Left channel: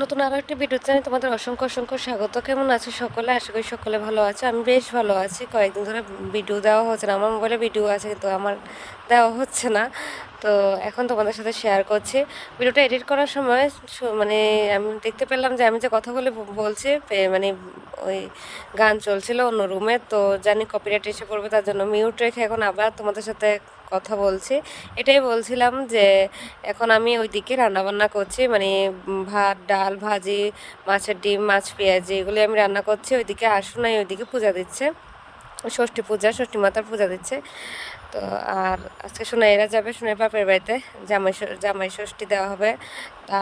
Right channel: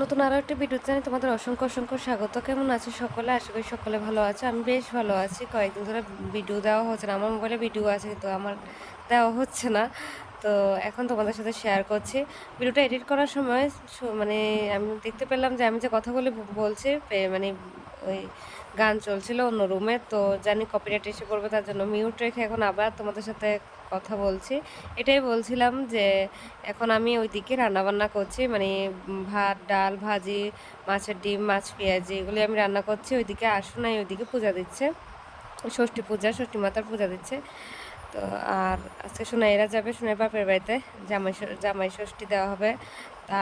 নতুন আরো একটা ভিডিও চ্যানেলে তোমাদের অসংখ্য অসংখ্য স্বাগত। কেমন আছো সকলে? আশা করি সকলে ভালো আছে। আমি বেশ ভালো আছি। কয়েকদিন ধরে ভিডিও দেওয়া হচ্ছে না। আমার মোবাইলে ভিডিও আছে কিন্তু আমার দেওয়া হচ্ছে না। তো এখন তোমাদের সাথে শেয়ার করছি। ভিডিওটা এডিট করার সময় মানে আমি দেখতে পেলাম যে আমি যে কথাগুলি বলছি মানে ওই গান চলছিল অন্য রুমে, তো জানি কপিরাইট এসে পড়বে, তার জন্য মিউট রেখে এখন আবার তোমাদের সাথে কথা বলছি। এটাই বলছিলাম যে এখন আমি ওইদিকে রান্নাবান্না করছি, মানে ভাত ডাল ভাজি, মাছের ডিম, মাছ পেঁয়াজি, এগুলি আমি রান্না করছি। ওইদিকে আসুনাই ওইদিকে পূজা দিচ্ছে, ষষ্ঠী পূজা, ষষ্ঠী মাতার পূজা দিচ্ছে। তো আর আজকে সোনাইরা যাবে সোনাই বাপের বাড়িতে, জামাই ষষ্ঠী দেওয়া হবে।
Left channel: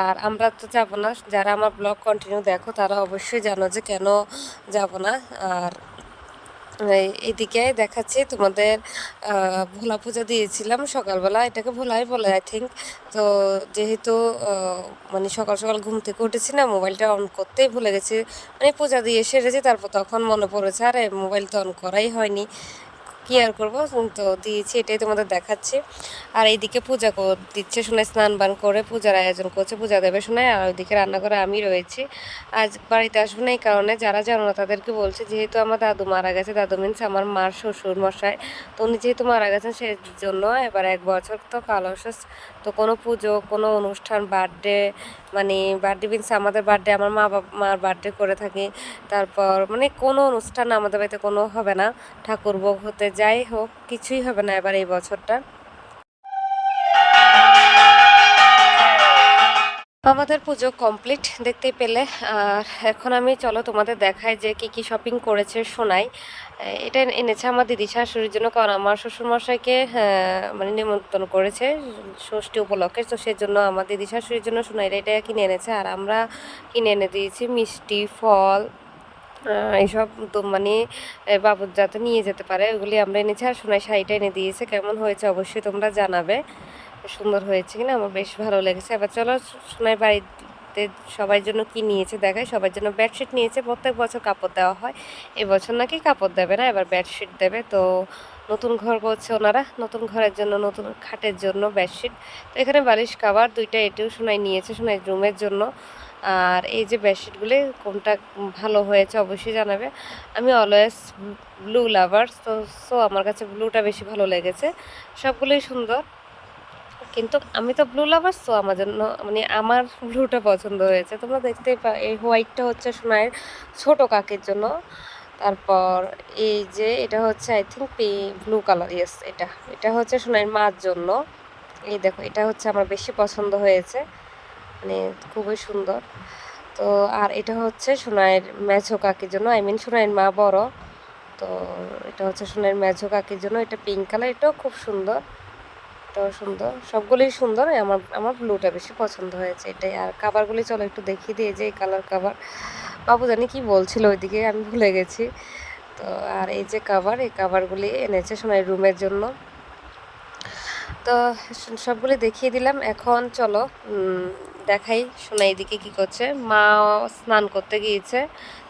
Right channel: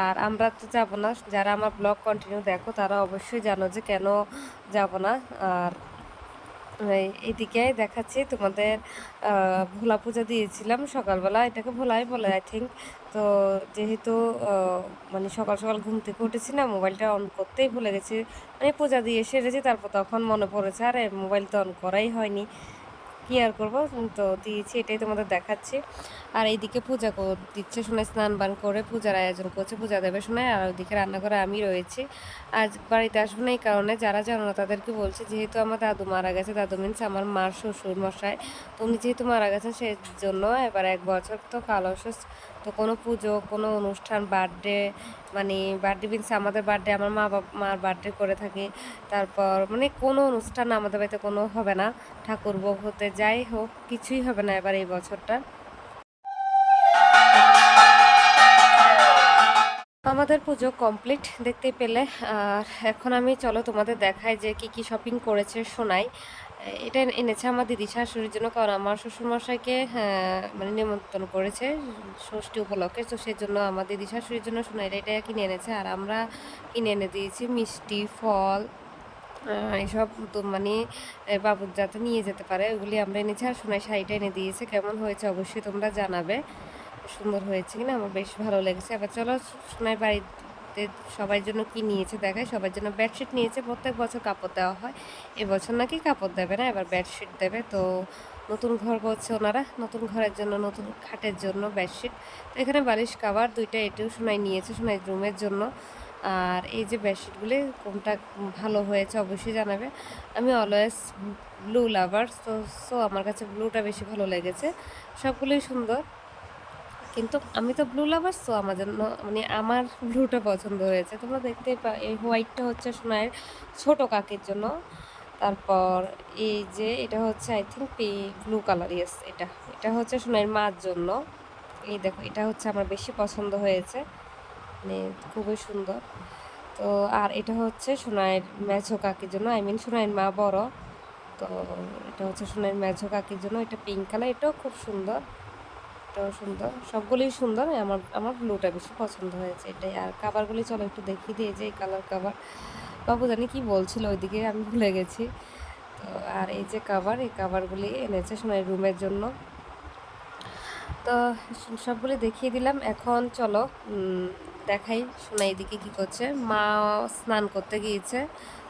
আর আমরা তো যাব না। যারা আমার ব্লগ কন্টিনিউ দেখো তারা অবশ্যই জানো যে কেন যাব না। আর এইদিকে দেখাচ্ছি তোমাদের ভোলা পূজা দিয়েছিলাম সকালবেলা, এটাকে ভোলাই বলে আই থিঙ্ক। তো যেহেতু মানে সকাল সকাল ঘুম থেকে উঠেছি না, মোবাইলটা অন করতেই ভুলে গেছি, মানে পূজা দিয়ে সেরেছি, তারপর তখন মনে পড়েছে আরে মোবাইল তো অন করাই হয়নি, কি আর করবো, তো দিয়েছি, এটাই তোমাদের দেখাচ্ছি। আর এইদিকে পূজা দিচ্ছে শোনায়, স্নান বান করে পূজার আয়োজন করছে, পূজা দেবে শোনায়। আর ওইদিকে রান্না করে আমি রয়েছি। আজ বাড়িতে আসবো না এই কারণে, যারা জানো না তাদেরকে বলছি, যেহেতু আমার দাদু মারা গেছে, দাদু মিনস আমার মার শ্বশুর মশাই, তো উনি যেহেতু মারা গেছেন সেই জন্য এবার 1 বছর তো কালো শেষ। তো কোনো পুজো, কোনো অনুষ্ঠান, বার্থডে, মানে বার্থডে মিনস আমাদের বার্থডে, আমার মার বার্থডে করে থাকি, তারপর মানে কোনো অনুষ্ঠান আমাদের বাড়িতে কোনো হবে না, ঠাকুর ভোগ হতে যাই হোক কিছুই হবে না এবার এই বছরটা। আমাদের পুজো কমপ্লিট দেখতে পেলে। আর এখন আমি চলো তোমাদের দেখাই যে কি কি শপিং করেছে সোনাই। এটা এনেছে আমার দিদি শাশুড়ির জন্য, কারণ আমার শ্বশুরমশাইকে মানে নিমন্ত্রণ করেছে ষষ্ঠী উপলক্ষে, তো সেজন্য আমার দিদি শাশুড়ির জন্য সোনাইরা এটা কিনে এনেছে। আর আমরা কিনে এনে দিয়েছি মিষ্টি, ফল, এইসব তো মানে বাবুর যাতে নিয়ে যেতে পারে ওগুলি আমরা এনেছি। আর সোনাই শাড়িটা এনে দিয়েছে, কেমন হয়েছে অবশ্যই তোমরা জানাবে, সুন্দর হয়েছে কিনা, আমার বেশ ভালো লেগেছে। এবার চলো সোনাই বাড়িতে সবার জন্য কি নিয়েছে দেখায়। সবার জন্য বেডশিট নিয়েছে, প্রত্যেক বছর কাপড় দেওয়া হয়, এবছর নাকি কাপড় দেবে না, এবার বেডশিট দেবে। তো নতুন ঘর করছে ওনারা, নতুন ঘরের জন্য নতুন খাটের জন্য বেডশিট। তো এখানে বালিশ কাভার দুইটা, এটিও সোনাই নিয়েছে সোনাই রুমের জন্য। আর এই যে বেডশিটগুলি কোনটা ভালো হয়েছে অবশ্যই জানাবে। আমি অলওয়েজ ব্লু লাভার, সো আমার কাছে ব্লুটা বেশি ভালো লেগেছে, সবগুলোই সুন্দর, কিন্তু আমি তো ব্লু লাভার, সো আমার জন্য মানে আমার ব্লুটা পছন্দ হয়েছে। তোমরা দেখতে এই হোয়াইটটা হচ্ছে সোনাইয়ের ছোট কাকির জন্য। তারপর এই যে এটা হচ্ছে I think blue colour, yes, এটা এটা হচ্ছে সোনাইয়ের মার জন্য। এই দেখো, এটা হচ্ছে আমার বেশি পছন্দ হয়েছে, মানে খুবই সুন্দর। তো আর এটা হচ্ছে সোনাইয়ের মেঝো কাকির জন্য, আই মিন সোনাইয়ের মা বড়, তো এটা হচ্ছে সোনাইয়ের মেঝো কাকির জন্য। এটা পিঙ্ক কালার, এটাও খুব সুন্দর, এটাও সুন্দর, সবগুলোই সুন্দর। আমার আমার ব্লুটা বেশি পছন্দ হয়েছে, এটাই। আর কাভারগুলি চলো একটু দেখিয়ে দিয়ে, যে এই কালার কাভার, বাবু জানি কি বলছিল ওইদিকে, আমি ভুলে গেছি। তো আর এই যে কাভার, এই কাভারগুলি এনেছে সোনাইয়ের রুমের জন্য। তো সবগুলো দেখিয়ে দিলাম। এখন চলো দেখাই সোনাই এদিকে কি করছে। মা স্নান করতে গিয়েছে,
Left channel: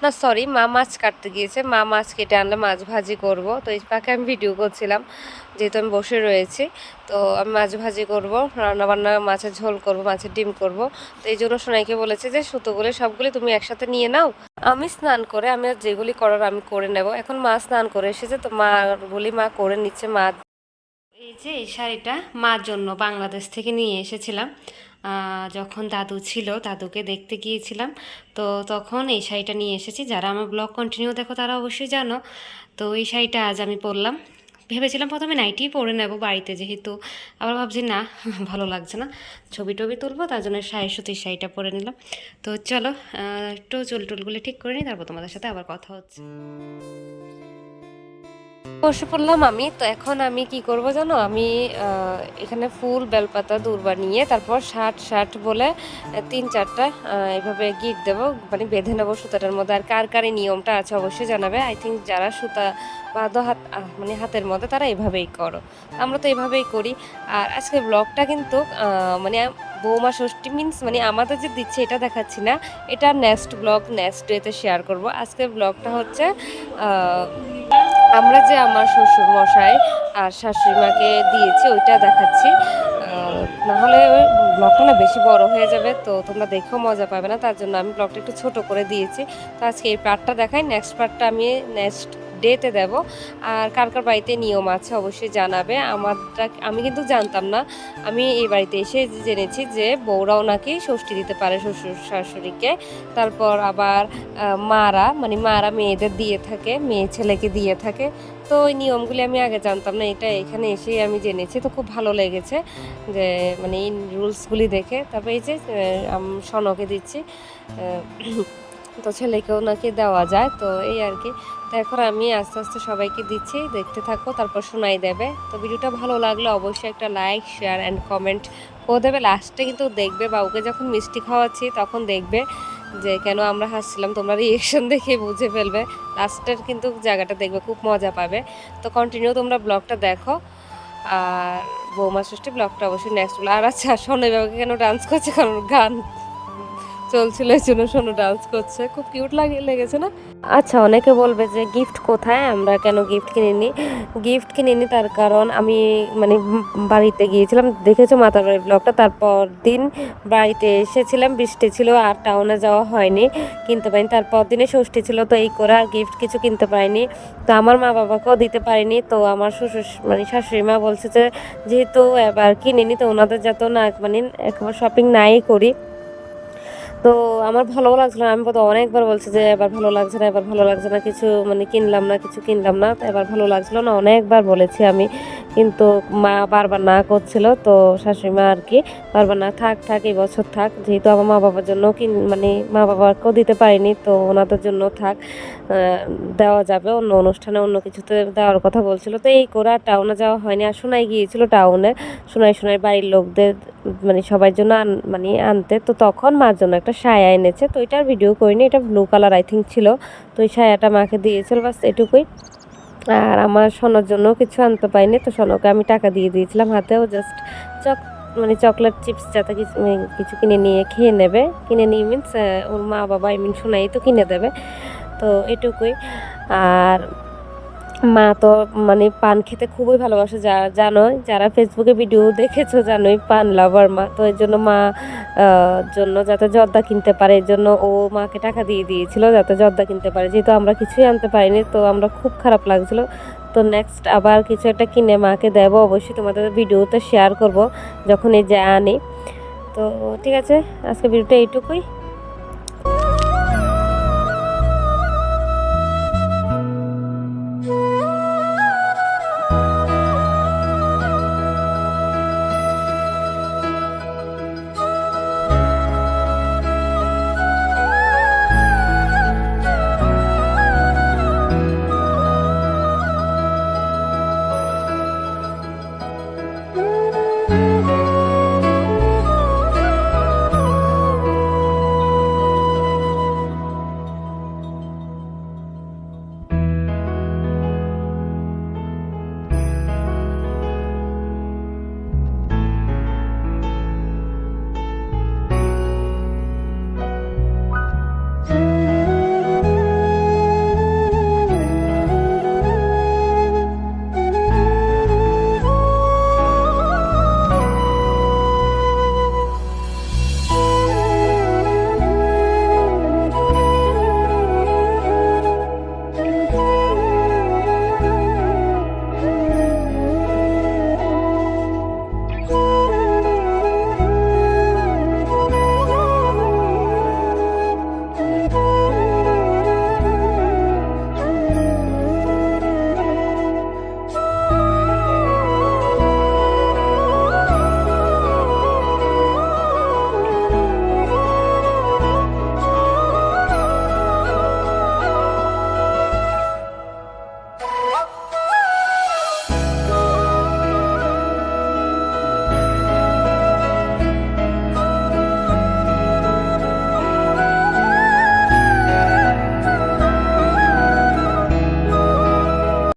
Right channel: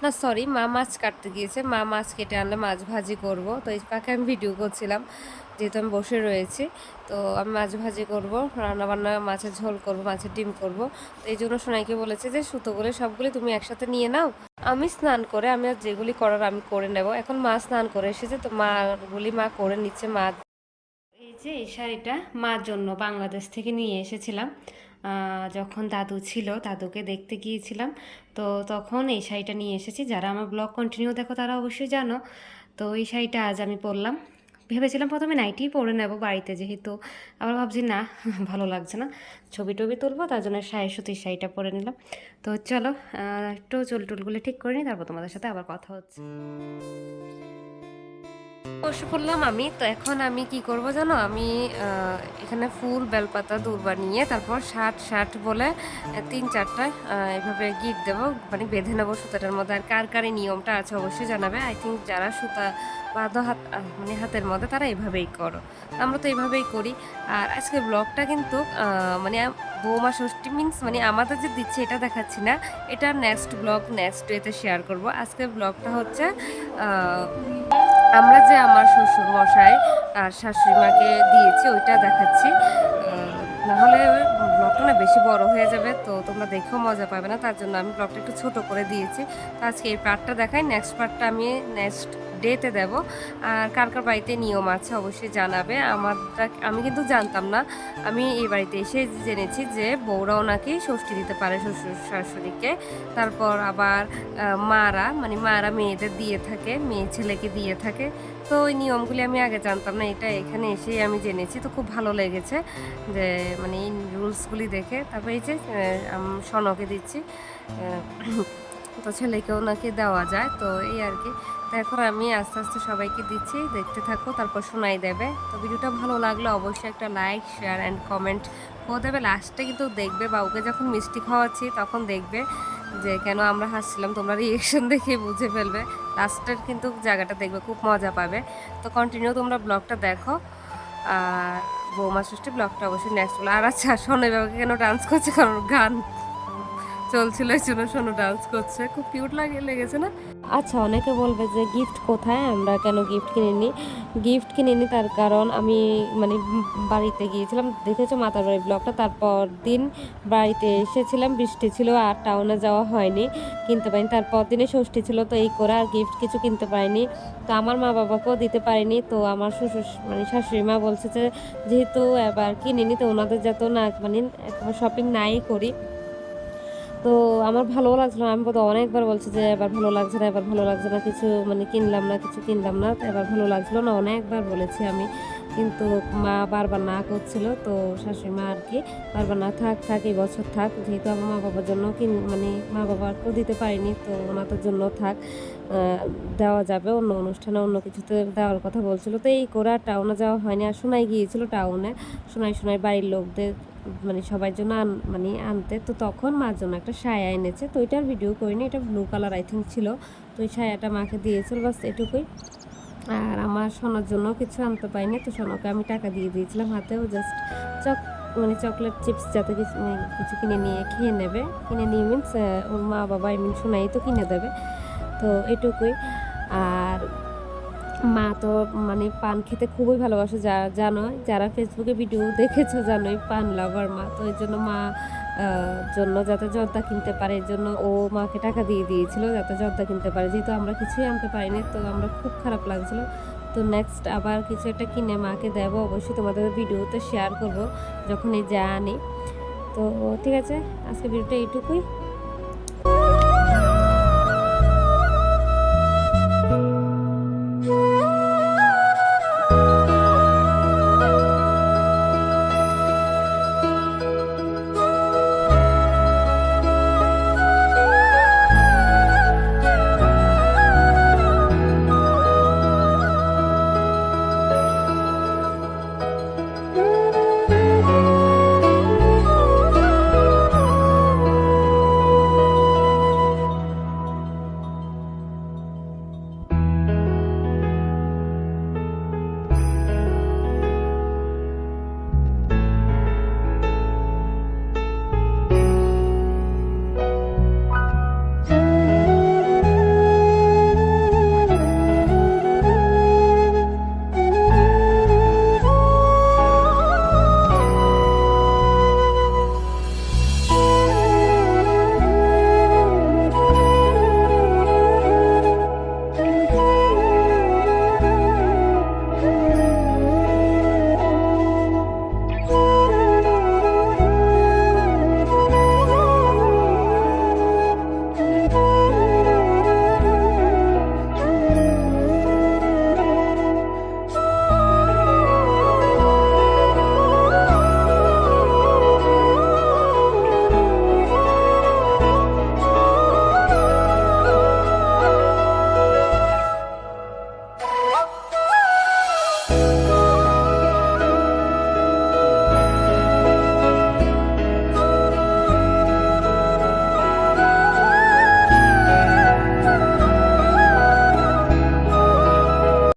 না সরি, মা মাছ কাটতে গিয়েছে। মা মাছ কেটে আনলে মাছ ভাজি করব, তো এই পাখে আমি ভিডিও করছিলাম, যেহেতু আমি বসে রয়েছি। তো আমি মাছ ভাজি করব, রান্নাবান্না, মাছের ঝোল করব, মাছের ডিম করব। তো এই জন্য সোনাইকে বলেছে যে সুতোগুলি সবগুলি তুমি একসাথে নিয়ে নাও, আমি স্নান করে আমি যেগুলি করার আমি করে নেব। এখন মা স্নান করে এসেছে, তো মাগুলি মা করে নিচ্ছে। মা এই যে এই শাড়িটা মার জন্য বাংলাদেশ থেকে নিয়ে এসেছিলাম, যখন দাদু ছিল, দাদুকে দেখতে গিয়েছিলাম, তো তখন এই শাড়িটা নিয়ে এসেছি। যারা আমার ব্লগ কন্টিনিউ দেখো তারা অবশ্যই জানো। তো এই শাড়িটা আজ আমি পরলাম। ভেবেছিলাম প্রথমে নাইটিই পরে নেব বাড়িতে, যেহেতু আবার ভাবছি না ভালো লাগছে না, ছবি টবি তুলবো, তার জন্য সুতির শাড়িটা পরে নিলাম। তো চলো একটু চুল টুলগুলি ঠিক করে নিই, তারপর তোমাদের সাথে আবার কথা হচ্ছে। বসে পড়লাম আমি। তো এখন আমি কি করব জানো, আমি এখানে ফুল, বেলপাতা, দূর্বা নিয়ে তারপর ষাট বলে 3-4টা এইভাবে গিট দেবো, মানে বেঁধে নেবো সুতাটার মধ্যে। আর কার কার এই নিয়মটা আছে অবশ্যই জানাবে। আই থিঙ্ক যারা সুতা বাঁধো মানে হাতের মধ্যে, তারা এইভাবেই করো, আমরা তো এইভাবেই করি। আর আজকে ব্লগটা কিন্তু মানে বৌমা ষষ্ঠী মিন্স মানে আমাদের যে দিচ্ছে এটা দেখাচ্ছি না, এটা নেক্সট ব্লগ, নেক্সট ডেতে শেয়ার করব। আজকের ব্লগটা হচ্ছে আমরা যে আমার শ্বশুর মশাই আর শাশুড়ি মাকে দিয়েছি ওইটা দেখাচ্ছি। না হলে ওই ব্লগটা না বেশি বড় হয়ে যাবে, তো তোমরা দেখেও মজা পাবে না। তার জন্য আমি ব্লগটা একটু ছোট করে দিয়েছি। তো আজকে এই পার্টটা দেখাই, নেক্সট পার্টটা আমি নেক্সট ডেতে দেব। আর কার কার বাড়িতে নিয়ম আছে অবশ্যই জানাবে। আমি কিন্তু জানতাম না, আমি এই বাড়িতে এসে জেনেছি যে বউরাও নাকি ষষ্ঠী দিতে পারে শ্বশুর শাশুড়িকে। তারপর আবার মারা মেয়েদের দিয়ে থাকে, মেয়ে ছেলেকে দিয়ে থাকে। তো ওই নিয়মগুলি আমি আগে জানতাম না, এটা এখানে এসেই আমি জেনেছি। তো খুব ভালো লেগেছে যে মানে এই রুলসগুলি দেখে। তারপরে এই যে সনকে দিচ্ছি, তো ছেলেকেও নাকি দেওয়া যায়, তো এই আর কি। তো এখন আমি আস্তে আস্তে সবাইকে দিচ্ছি, দেখতে থাকো, তারপর শোনাই দেবে। তো ভিডিওটা ভালো লাগলে অবশ্যই একটা লাইক, শেয়ার অ্যান্ড কমেন্ট করে দেবে। লাস্টে কিন্তু দেখবে বাবুকে যখন মিষ্টি খাওয়াচ্ছি তখন দেখবে যে কেন আমরা হাসছিলাম, তোমরা রিয়েকশন দেখে বুঝে ফেলবে। লাস্টের কিন্তু জায়গাটা দেখবে, খুব মজা পাবে। তো কন্টিনিউ তোমরা ব্লগটা দেখো। আর বৌমা ষষ্ঠী ব্লগটা অবশ্যই নেক্সট হলো। আর আচ্ছা, সোনাই বাবাকে কেন ডান্স করছে, কারণ গান চলছিল এই জন্য সোনু ডান্স করছে, খুব কিউট লেগেছে না? আচ্ছা, অনেকে বলবে যে গিফট কোথায়, আমরা কেন গিফট কিনিনি তার কারণ আমি মানে বাড়িতে গিয়েছিলাম, দেখেছো মাতার বাড়ির ব্লগটা। তারপর দিন বাড়িতে এসেছিলাম, বৃষ্টি ছিল আর টাউনে যাওয়া হয়নি, কিনতে পারিনি। তারপর দিনে ষষ্ঠী ছিল, তো এই করে আর গিফট কিছু কিনতে পারিনি। তো আমার মা বাবাকেও দিতে পারিনি। তো আমার শ্বশুর মানে শাশুড়ি মা বলছে যে যেহেতু এবার কিনিনি, তো ওনাদের যাতে না মানে একবার শপিং নাই করি। তো আমার ভালো লাগছিল না, আমি বোধ অনেকবার বলছি যে এবার ভালো লাগছে না, কিছু মানে কিছু কিনলাম না, এবার ভালো লাগছিল না, অনেকবার বলেছি আমি। কিন্তু মা বারবার না করছিল, তো শাশুড়ি মা আর কি বারবার না, থাক এই বছর থাক, যেহেতু আমার মা বাবার জন্য মানে মা বাবাকেও দিতে পারিনি, তো ওনাদের জন্য থাক, দেওয়া যাবে অন্য অনুষ্ঠানে, অন্য কিছুতে দেওয়ার কথা বলছিল। তো এই করে আর টাউনে যাওয়া হয়নি। আর শোনাই গিয়েছিল টাউনে, শোনাই বাড়ির লোকদের মানে সবার জন্য মানে আনতে। তো তখন মার জন্য একটা সায়া এনেছে, তো এটার ভিডিও করিনি, এটা ব্লু কালার আই থিঙ্ক ছিল। তো এই সায়াটা মাকে দিয়েছিল, বাস এটুকুই। আর আমার সোনার জন্য কিছু আনতে পারিনি, তো সোনাকে আমি টাকা দিয়ে দিয়েছিলাম হাতেও, জাস্ট মানে চকলেট চিপস যাতে কিছু কিনে নিয়ে মিনস ওর মা বাবা শোনাই তো কিনে দেবে, তো এটুকুই। আর মা তো মানে পান খেতে খুবই ভালোবাসে, জানোই, যারা ফেসবুকে ভিডিও দেখেছো জানোই, পান লাভার মা। তো এর জন্য মা জন্য যাতে জর্দা কিনতে পারে, এর জন্য ও মাকে টাকা দিয়ে দিয়েছিল যাতে জর্দা কিনতে পারে, যেহেতু আমরা কিছুই আনতে পারিনি। তো আমরা খুব খারাপ লাগছিল। তো নেক্সট আবার কিছু একটা কিনে মাকে দেবো, অবশ্যই তোমাদের ভিডিওতে শেয়ার করব যখন এই যে আনি। তো ঠিক আছে, আজকে ভিডিওটা এইটুকুই।